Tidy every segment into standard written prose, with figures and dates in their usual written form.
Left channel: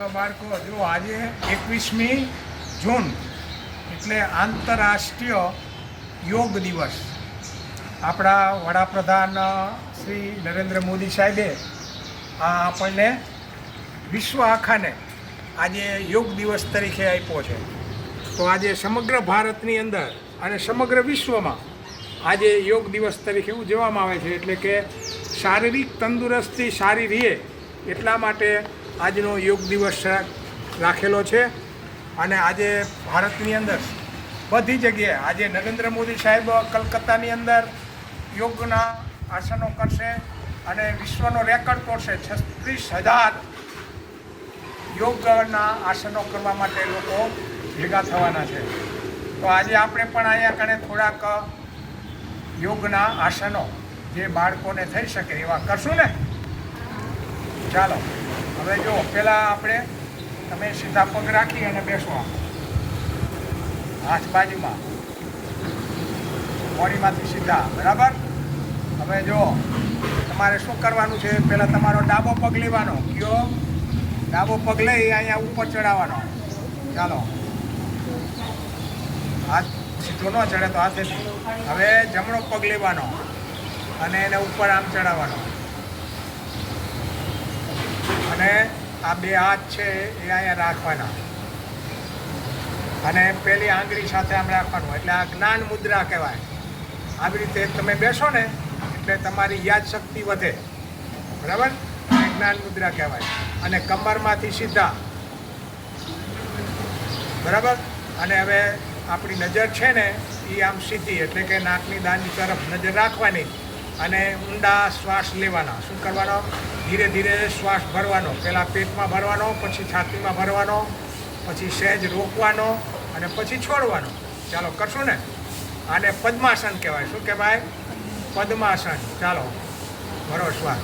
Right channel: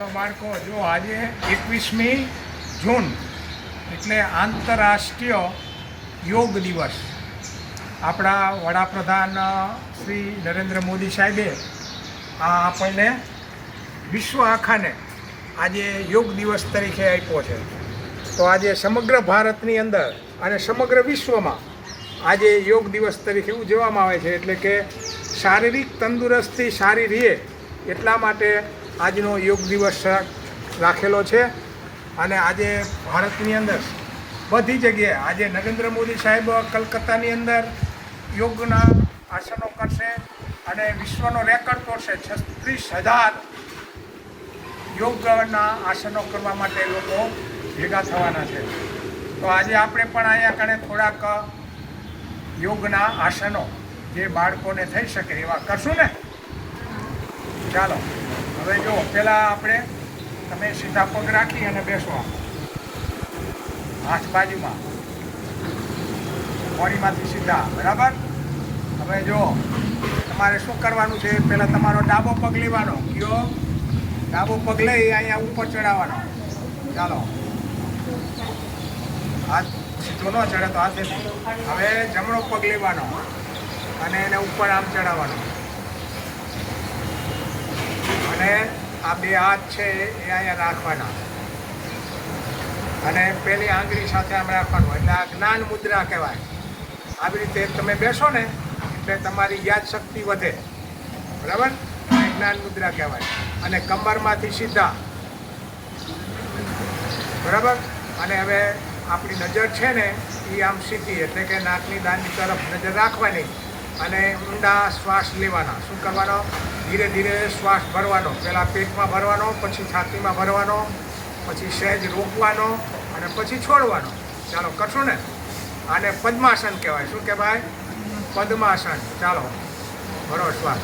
બાળકો જો આજે 21મી જૂન એટલે આંતરરાષ્ટ્રીય યોગ દિવસ આપણા વડાપ્રધાન શ્રી નરેન્દ્ર મોદી સાહેબે આપણને વિશ્વ આખાને આજે યોગ દિવસ તરીકે આપ્યો છે. તો આજે સમગ્ર ભારતની અંદર અને સમગ્ર વિશ્વમાં આજે યોગ દિવસ તરીકે ઉજવવામાં આવે છે. એટલે કે શારીરિક તંદુરસ્તી સારી રહે એટલા માટે આજનો યોગ દિવસ રાખેલો છે. અને આજે ભારતની અંદર બધી જગ્યાએ આજે નરેન્દ્ર મોદી સાહેબ કલકત્તાની અંદર યોગના આસનો કરશે અને વિશ્વનો રેકોર્ડ તોડશે. 36,000 યોગના આસનો કરવા માટે લોકો ભેગા થવાના છે. તો આજે આપણે પણ અહીંયા કણે થોડાક યોગના આસનો જે બાળકોને થઈ શકે એવા કરશું ને. ચાલો હવે જો પહેલાં આપણે તમે સીધા પગ રાખી અને બેસવા, હાથ બાજુમાં, મોડીમાંથી સીધા, બરાબર. હવે જો તમારે શું કરવાનું છે, પહેલાં તમારો ડાબો પગ લેવાનો, કયો ડાબો પગ લઈ અહીંયા ઉપર ચડાવવાનો. ચાલો હાથ સીધો ન ચડે તો હાથેથી. હવે જમણો પગ લેવાનો અને એને ઉપર આમ ચડાવવાનો અને આ બે હાથ છે એ અહીંયા રાખવાના અને પેલી આંગળી સાથે આમ રાખવાનું. એટલે આ જ્ઞાન મુદ્રા કહેવાય. આવી રીતે તમે બેસો ને એટલે તમારી યાદશક્તિ વધે, બરાબર. જ્ઞાન મુદ્રા કહેવાય. અને કમરમાંથી સીધા, બરાબર. અને હવે આપણી નજર છે ને એ આમ સીધી, એટલે કે નાકની દાંડી તરફ નજર રાખવાની અને ઊંડા શ્વાસ લેવાના. શું કરવાનો? ધીરે ધીરે શ્વાસ ભરવાનો. પહેલાં પેટમાં ભરવાનો, પછી છાતીમાં ભરવાનો, પછી સહેજ રોકવાનો અને પછી છોડવાનો. ચાલો કરશું ને. આને પદ્માસન કહેવાય. શું કહેવાય? પદ્માસન. ચાલો ભરો શ્વાસ.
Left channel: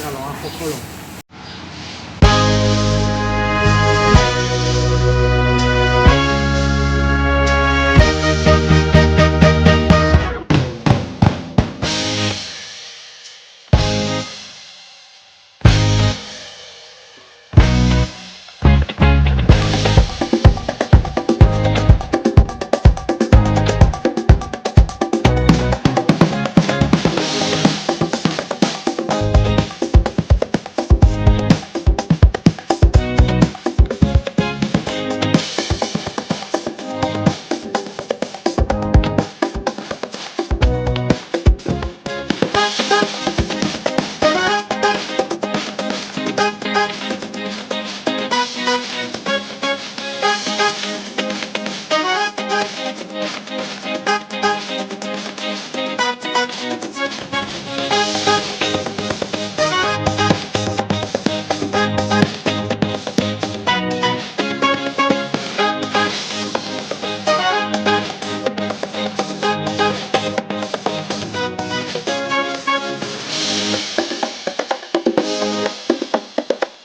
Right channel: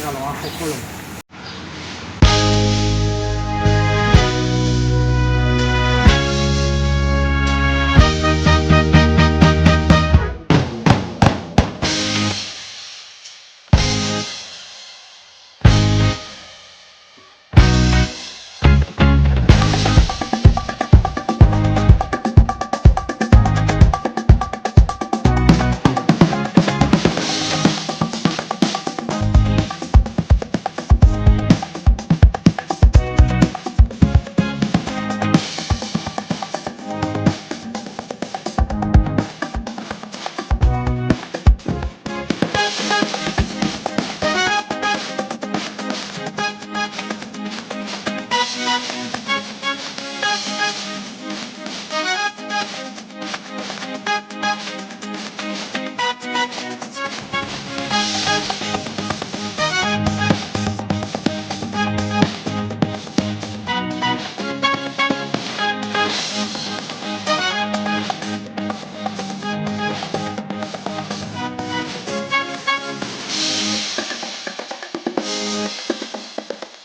ચાલો આંખો ખોલો.